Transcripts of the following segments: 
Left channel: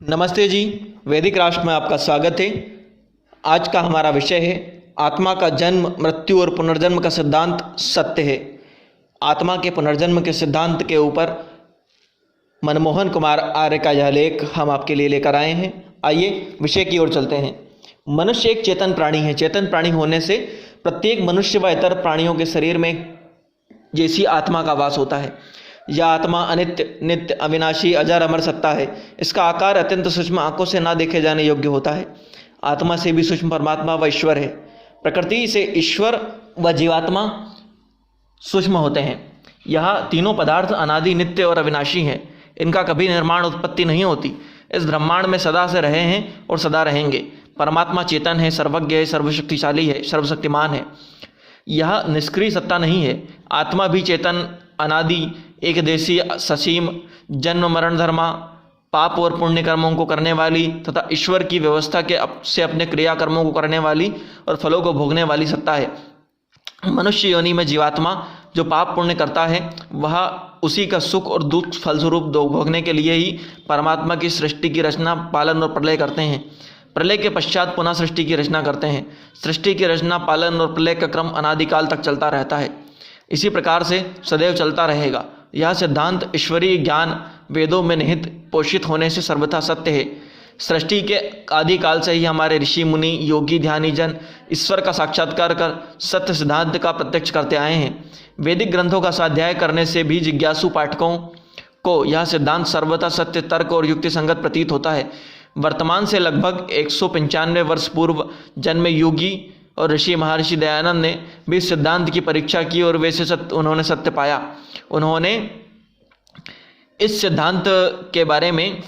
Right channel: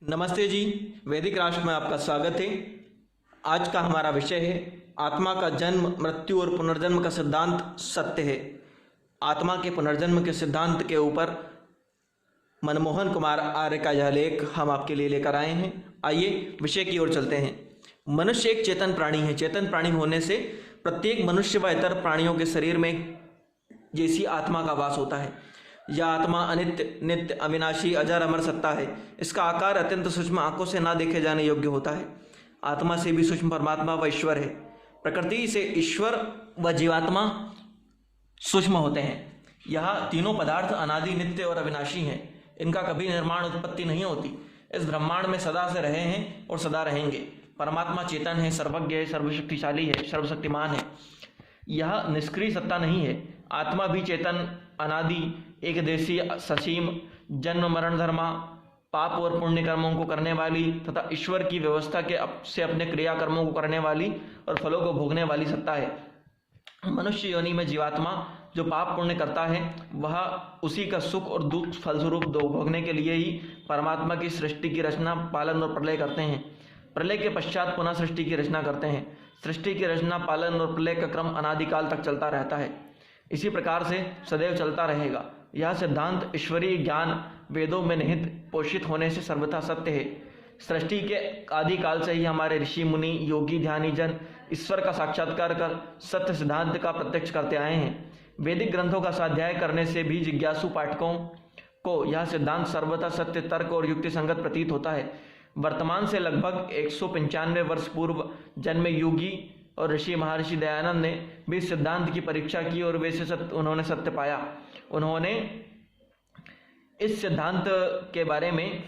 नमस्ते जी। वैदिक राष्ट्र में आपका स्वागत है। आज का हमारा विषय है आत्मा का जन्म, मृत्यु और पुनर्जन्म का सिद्धांत सत्य है। आत्मा के पुनर्जन्म के सिद्धांत के ऊपर मनमोहन कुमार आर्य का यह लेख हम आपके लिए लेकर आए हैं। आइए विषय की ओर चलते हैं। मनुष्य एक चेतन प्राणी है। चेतन प्राणी होने से प्रत्येक मनुष्य व इतर प्राणियों के शरीर में जैसी आत्मा का वास होता है। यह आत्मा अनित्य, नित्य, अविनाशी, अजर, अमर सत्ता है। इसका आकार अत्यंत सूक्ष्म, आंखों से ना देखे जाने योग्य होता है। आत्मा से भी सूक्ष्म परमात्मा व ईश्वर है। प्रकृति से ईश्वर व जीवात्मा सूक्ष्म होते हैं। यह तीनों पदार्थ अनादि, नित्य और अविनाशी हैं। इनका कभी निर्माण उत्पत्ति नहीं होती। इस ब्रह्मांड में सदा से रहे हैं और सदा रहेंगे। परमात्मा चेतन है, सर्वज्ञ है, सर्वशक्तिशाली है, सर्वशक्तिमान है। यह निष्क्रिय सत्ता नहीं है। आत्मा भी चेतन, अनादि, एक देशीय, ससीम, जन्म मरण धर्मा, पाप और पुण्य कर्मों को करने वाली तथा ईश्वर की व्यवस्था से अपने क्रियाकर्मों को करने वाली और फलों को भोगने वाली सत्ता है। मनुष्य योनि में जीवात्मा जो पाप पुण्य करता है वह उसी का सुख और दुख फलस्वरूप भोगने के लिए ही परमात्मा की सृष्टि की रचना, पालन और प्रलय करते हैं। प्रलय के पश्चात पुनः सृष्टि की रचना करते हैं। सृष्टि की रचना, पालन और प्रलय का क्रम अनादिकाल तक चलता रहता है। इसी प्रकार से सदैव चलता रहेगा। यह सिद्धांत ईश्वरीय ज्ञान वेदों में निहित पोषित होने से सर्वथा सत्य है। सृष्टि के आदिकाल से ही हमारे ऋषि मुनि, योगी, ध्यानी जन ईश्वर का साक्षात्कार कर सत्य सिद्धांत का प्रत्यक्ष करते आए हैं। वैदिक ग्रंथों का स्वाध्याय करने से भी जिज्ञासु पाठकों को यह सिद्धांत सर्वथा सत्य, तर्क और युक्ति संगत प्रतीत होता है। वर्तमान से लगभग 195 वर्ष पूर्व जन्मे योगी और ऋषि महर्षि दयानंद ने भी इस सिद्धांत की परीक्षा की और वैसे उन्होंने सत्य पाया। उन्होंने इस सिद्धांत के बारे में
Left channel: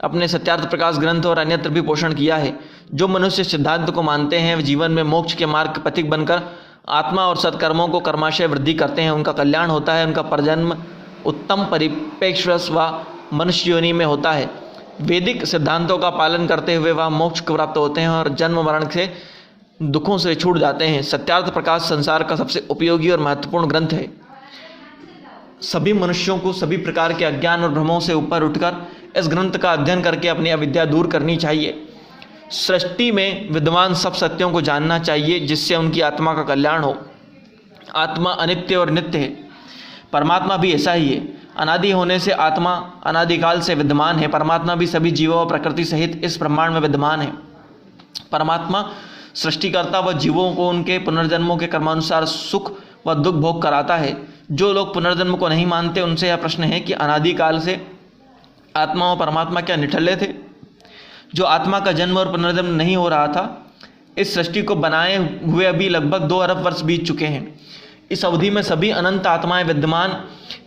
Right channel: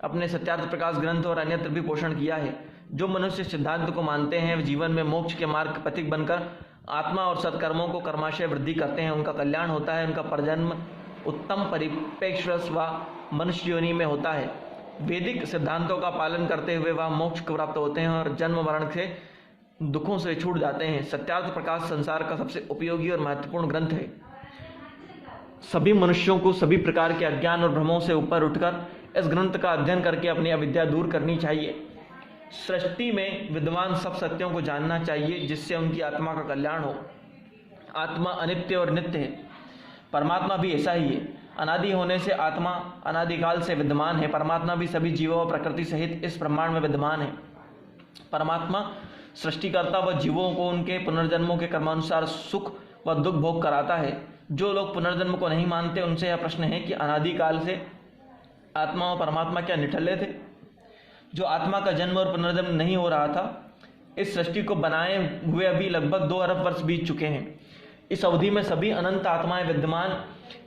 अपने सत्यार्थ प्रकाश ग्रंथ और अन्यत्र भी पोषण किया है। जो मनुष्य सिद्धांत को मानते हैं वे जीवन में मोक्ष के मार्ग के पथिक बनकर आत्मा और सत्कर्मों को कर्माशय वृद्धि करते हैं। उनका कल्याण होता है। उनका परजन्म उत्तम परिप्रेक्ष्य व मनुष्य योनि में होता है। वैदिक सिद्धांतों का पालन करते हुए वह मोक्ष को प्राप्त होते हैं और जन्म मरण से दुखों से छूट जाते हैं। सत्यार्थ प्रकाश संसार का सबसे उपयोगी और महत्वपूर्ण ग्रंथ है। सभी मनुष्यों को सभी प्रकार के अज्ञान और भ्रमों से ऊपर उठकर इस ग्रंथ का अध्ययन करके अपनी अविद्या दूर करनी चाहिए। सृष्टि में विद्यमान सब सत्यों को जानना चाहिए जिससे उनकी आत्मा का कल्याण हो। आत्मा अनित्य और नित्य है। परमात्मा भी ऐसा ही है। अनादि होने से आत्मा अनादिकाल से विद्यमान है। परमात्मा भी सभी जीवों और प्रकृति सहित इस ब्रह्मांड में विद्यमान है। परमात्मा सृष्टिकर्ता व जीवों को उनके पुनर्जन्मों के कर्मानुसार सुख व दुख भोग कराता है। जो लोग पुनर्जन्म को नहीं मानते उनसे यह प्रश्न है कि अनादिकाल से आत्मा और परमात्मा क्या निठल्ले थे? जो आत्मा का जन्म और पुनर्जन्म नहीं हो रहा था, इस सृष्टि को बनाए हुए अभी लगभग 2 अरब वर्ष बीत चुके हैं। इस अवधि में सभी अनंत आत्माएं विद्यमान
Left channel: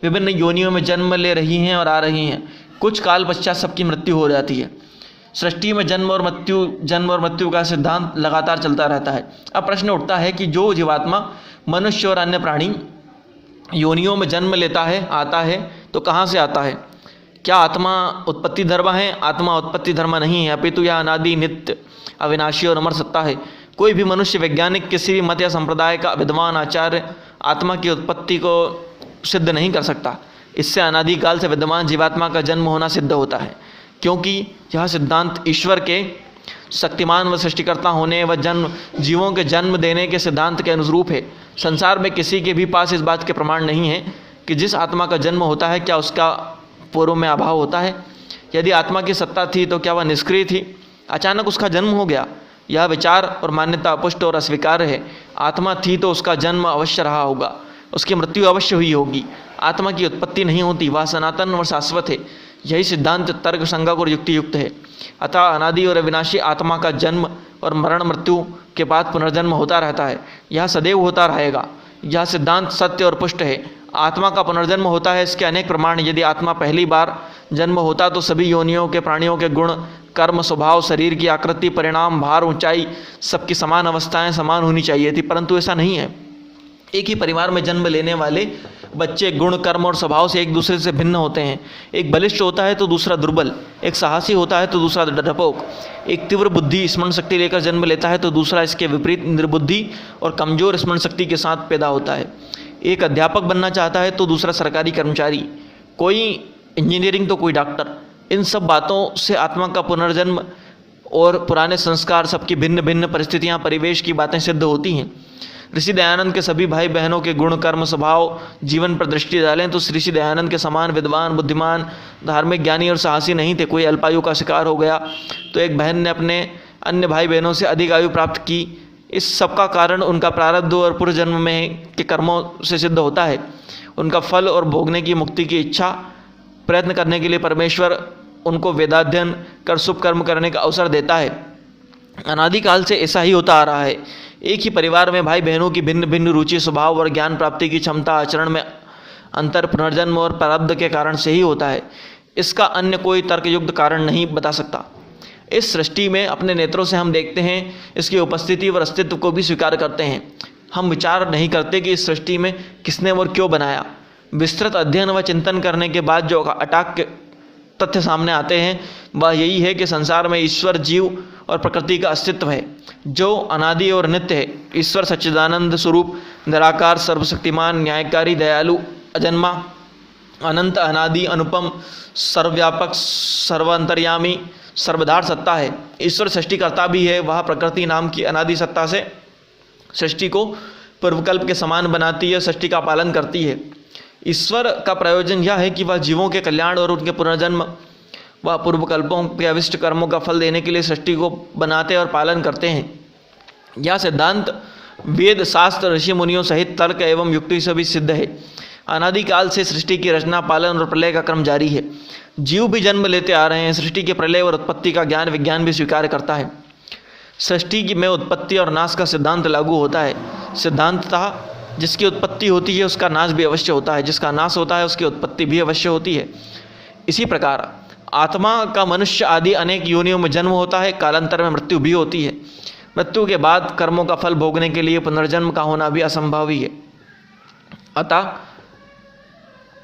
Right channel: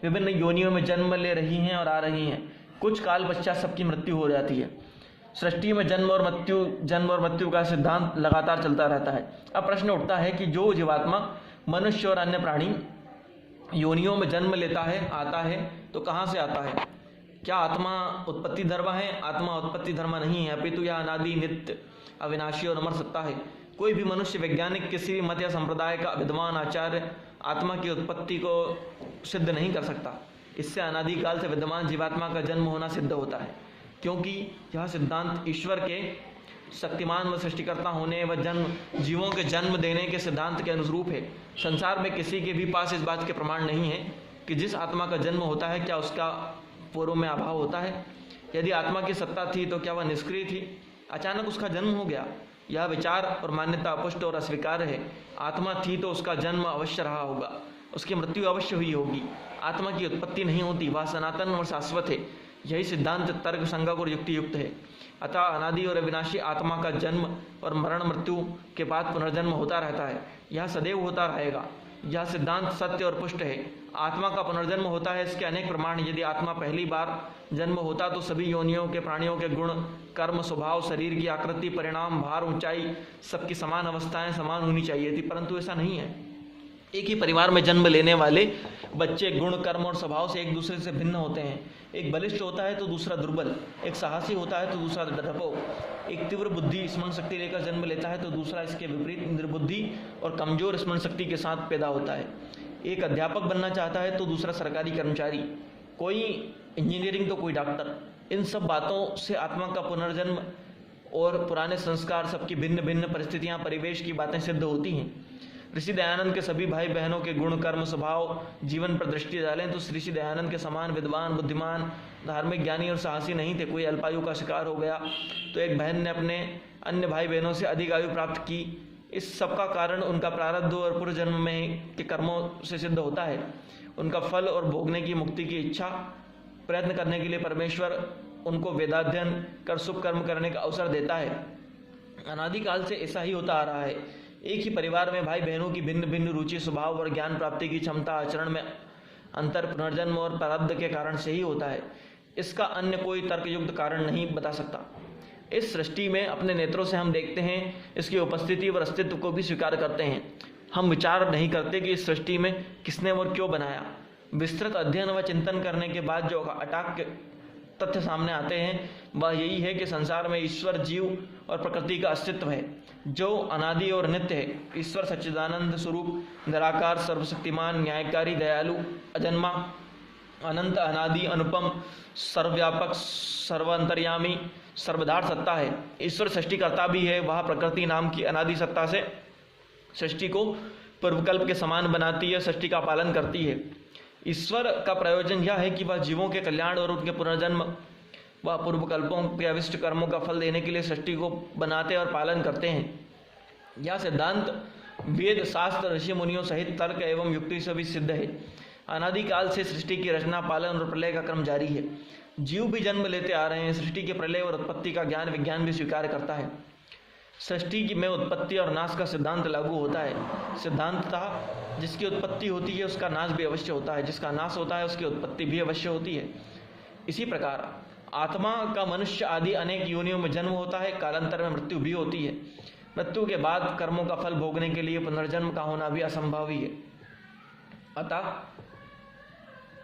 विभिन्न योनियों में जन्म ले रही हैं और आ रही हैं। कुछ काल पश्चात सबकी मृत्यु हो जाती है। सृष्टि में जन्म और मृत्यु का सिद्धांत लगातार चलता रहता है। अब प्रश्न उठता है कि जो जीवात्मा मनुष्य और अन्य प्राणी योनियों में जन्म लेता है, आता है, तो कहाँ से आता है? क्या आत्मा उत्पत्ति धर्म है? आत्मा उत्पत्ति धर्म नहीं है, अपितु यह अनादि, नित्य, अविनाशी और अमर सत्ता है। कोई भी मनुष्य, वैज्ञानिक, किसी भी मत या संप्रदाय का विद्वान आचार्य आत्मा की उत्पत्ति को सिद्ध नहीं कर सकता। इससे अनादिकाल से विद्यमान जीवात्मा का जन्म होना सिद्ध होता है, क्योंकि यह सिद्धांत ईश्वर के शक्तिमान व सृष्टिकर्ता होने व जीवों के जन्म देने के सिद्धांत के अनुरूप है। संसार में किसी के भी पास इस बात के प्रमाण नहीं है कि जिस आत्मा का जन्म होता है क्या उसका पूर्व में अभाव होता है। यदि आत्मा की सत्ता थी तो क्या वह निष्क्रिय थी? अचानक उसका जन्म हो गया। यह विचार और मान्यता अपुष्ट और अस्वीकार्य है। आत्मा थी तो उसका जन्म अवश्य रहा होगा, उसकी मृत्यु अवश्य हुई होगी। आत्मा की उत्पत्ति नहीं होती, वह सनातन और शाश्वत है। यही सिद्धांत तर्क संगत और युक्ति युक्त है। अतः अनादि और अविनाशी आत्मा का जन्म और मरण, मृत्यु के बाद पुनर्जन्म होता रहता है। यह सदैव होता रहेगा। यह सिद्धांत सत्य और पुष्ट है। आत्मा का पुनर्जन्म होता है, इसके अनेक प्रमाण। यदि आत्मा पहली बार जन्म होता तो सभी योनियों के प्राणियों के गुण, कर्म, स्वभाव, शरीर की आकृति, परिणाम, भार, ऊंचाई, सबकी समान अवस्थाएं समान होनी चाहिए थी, परंतु ऐसा नहीं है। एक ही परिवार में जन्म लेने वाले बच्चे गुण, कर्म और स्वभाव से एक दूसरे से भिन्न होते हैं। एक बलिष्ठ होता है तो दूसरा दुर्बल, एक साहसी होता है तो दूसरा डरपोक, एक तीव्र बुद्धि स्मरण शक्ति लेकर जन्म लेता है तो दूसरा इसके विपरीत निर्बुद्धि और कमजोर स्मरण शक्ति के साथ पैदा होता है। एक अध्यापक बनना चाहता है तो दूसरा सरकारी कर्मचारी, कोई इंजीनियरिंग तो कोई डॉक्टर, इन सब बातों से आत्मा का पुनर्जन्म और पुराने संस्कार, सबकी भिन्न भिन्न परिस्थितियाँ, परिवेश की बातें सिद्ध होती हैं। ऋषि दयानंद के सभी भाई बहनों के गुण, कर्म, स्वभाव, जीवन पर दृष्टि डालें तो ऋषि दयानंद के समान विद्वान, बुद्धिमान, धार्मिक, ज्ञानी और साहसी नहीं थे। कोई अल्पायु का शिकार हो गया तो एक बहन ने अपने अन्य भाई बहनों से अधिक आयु प्राप्त की। इस सब का कारण उनका प्रारब्ध और पूर्व जन्म में के कर्मों से सिद्ध होता है। उनका फल और भोगने की, मुक्ति की इच्छा, प्रयत्न करने के लिए परमेश्वर उनको वेदाध्ययन कर शुभ कर्म करने का अवसर देता है। अनादिकाल से ऐसा ही होता आ रहा है। एक ही परिवार में भाई बहनों की भिन्न भिन्न रुचि, स्वभाव और ज्ञान प्राप्ति की क्षमता, आचरण में अंतर पुनर्जन्म और प्रारब्ध के कारण से ही होता है। इसका अन्य कोई तर्कयुक्त कारण नहीं बता सकता। इस सृष्टि में अपने नेत्रों से हम देखते हैं, इसकी उपस्थिति और अस्तित्व को भी स्वीकार करते हैं। हम विचार नहीं करते कि इस सृष्टि में किसने और क्यों बनाया। विस्तृत अध्ययन व चिंतन करने के बाद जो अटाक तथ्य सामने आते हैं वह यही है कि संसार में ईश्वर, जीव और प्रकृति का अस्तित्व है जो अनादि और नित्य है। ईश्वर सच्चिदानंद स्वरूप, निराकार, सर्वशक्तिमान, न्यायकारी, दयालु, अजन्मा, अनंत, अनादि, अनुपम, सर्वव्यापक, सर्वांतर्यामी, सर्वधार सत्ता है। ईश्वर सृष्टिकर्ता भी है। वह प्रकृति नाम की अनादि सत्ता से सृष्टि को पूर्वकल्प के समान बनाती है, सृष्टि का पालन करती है। ईश्वर का प्रयोजन यह है कि वह जीवों के कल्याण और उनके पुनर्जन्म व पूर्वकल्पों के अविष्ट कर्मों का फल देने के लिए सृष्टि को बनाते और पालन करते हैं। यह सिद्धांत वेद, शास्त्र, ऋषि मुनियों सहित तर्क एवं युक्ति से भी सिद्ध है। अनादिकाल से सृष्टि की रचना, पालन और प्रलय का क्रम जारी है। जीव भी जन्म लेते आ रहे हैं। सृष्टि के प्रलय और उत्पत्ति का ज्ञान विज्ञान भी स्वीकार करता है। सृष्टि की में उत्पत्ति और नाश का सिद्धांत लागू होता है। सिद्धांततः जिसकी उत्पत्ति होती है उसका नाश भी अवश्य होता है, जिसका नाश होता है उसकी उत्पत्ति भी अवश्य होती है। इसी प्रकार आत्मा का मनुष्य आदि अनेक योनियों में जन्म होता है। कालांतर में मृत्यु भी होती है। मृत्यु के बाद कर्मों का फल भोगने के लिए पुनर्जन्म का होना भी असंभव ही है। अतः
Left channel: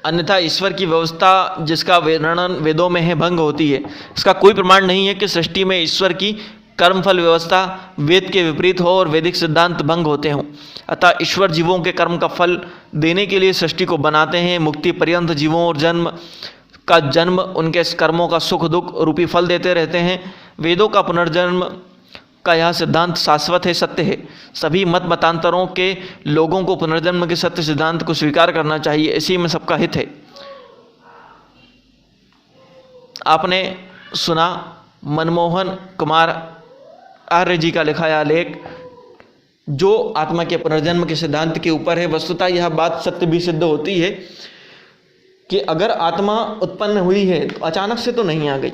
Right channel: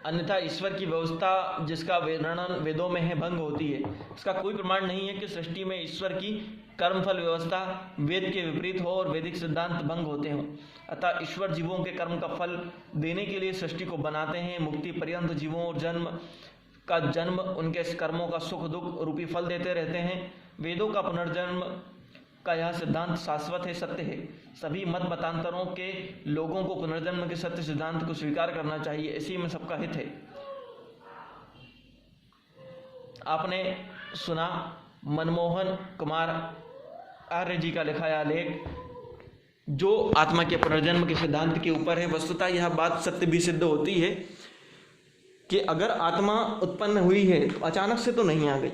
अन्यथा ईश्वर की व्यवस्था जिसका वर्णन वेदों में है भंग होती है। इसका कोई प्रमाण नहीं है कि सृष्टि में ईश्वर की कर्मफल व्यवस्था वेद के विपरीत हो और वैदिक सिद्धांत भंग होते हों। अतः ईश्वर जीवों के कर्म का फल देने के लिए सृष्टि को बनाते हैं। मुक्ति पर्यंत जीवों और जन्म उनके कर्मों का सुख दुख रूपी फल देते रहते हैं। वेदों का पुनर्जन्म का यह सिद्धांत शाश्वत है, सत्य है। सभी मत मतांतरों के लोगों को पुनर्जन्म के सत्य सिद्धांत को स्वीकार करना चाहिए। इसी में सबका हित है। आपने सुना मनमोहन कुमार आर्य जी का लिखा यह लेख जो आत्मा के पुनर्जन्म के सिद्धांत के ऊपर है। वस्तुतः यह बात सत्य भी सिद्ध होती है कि अगर आत्मा उत्पन्न हुई है तो अचानक से तो नहीं आ गई।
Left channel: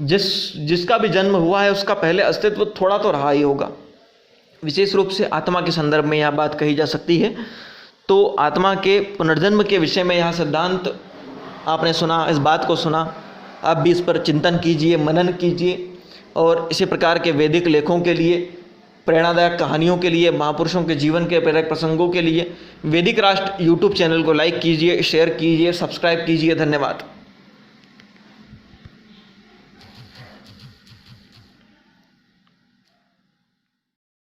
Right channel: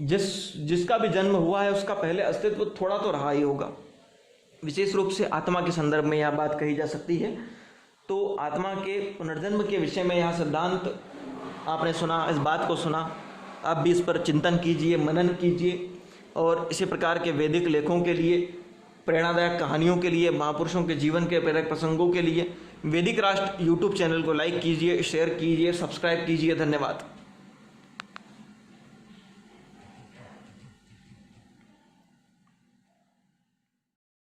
जिसका भी जन्म हुआ है उसका पहले अस्तित्व थोड़ा तो रहा ही होगा। विशेष रूप से आत्मा के संदर्भ में यह बात कही जा सकती है। तो आत्मा के पुनर्जन्म के विषय में यह सिद्धांत आपने सुना, इस बात को सुना। आप भी इस पर चिंतन कीजिए, मनन कीजिए और इसी प्रकार के वैदिक लेखों के लिए, प्रेरणादायक कहानियों के लिए, महापुरुषों के जीवन के प्रेरक प्रसंगों के लिए वैदिक राष्ट्र यूट्यूब चैनल को लाइक कीजिए, शेयर कीजिए, सब्सक्राइब कीजिए। धन्यवाद।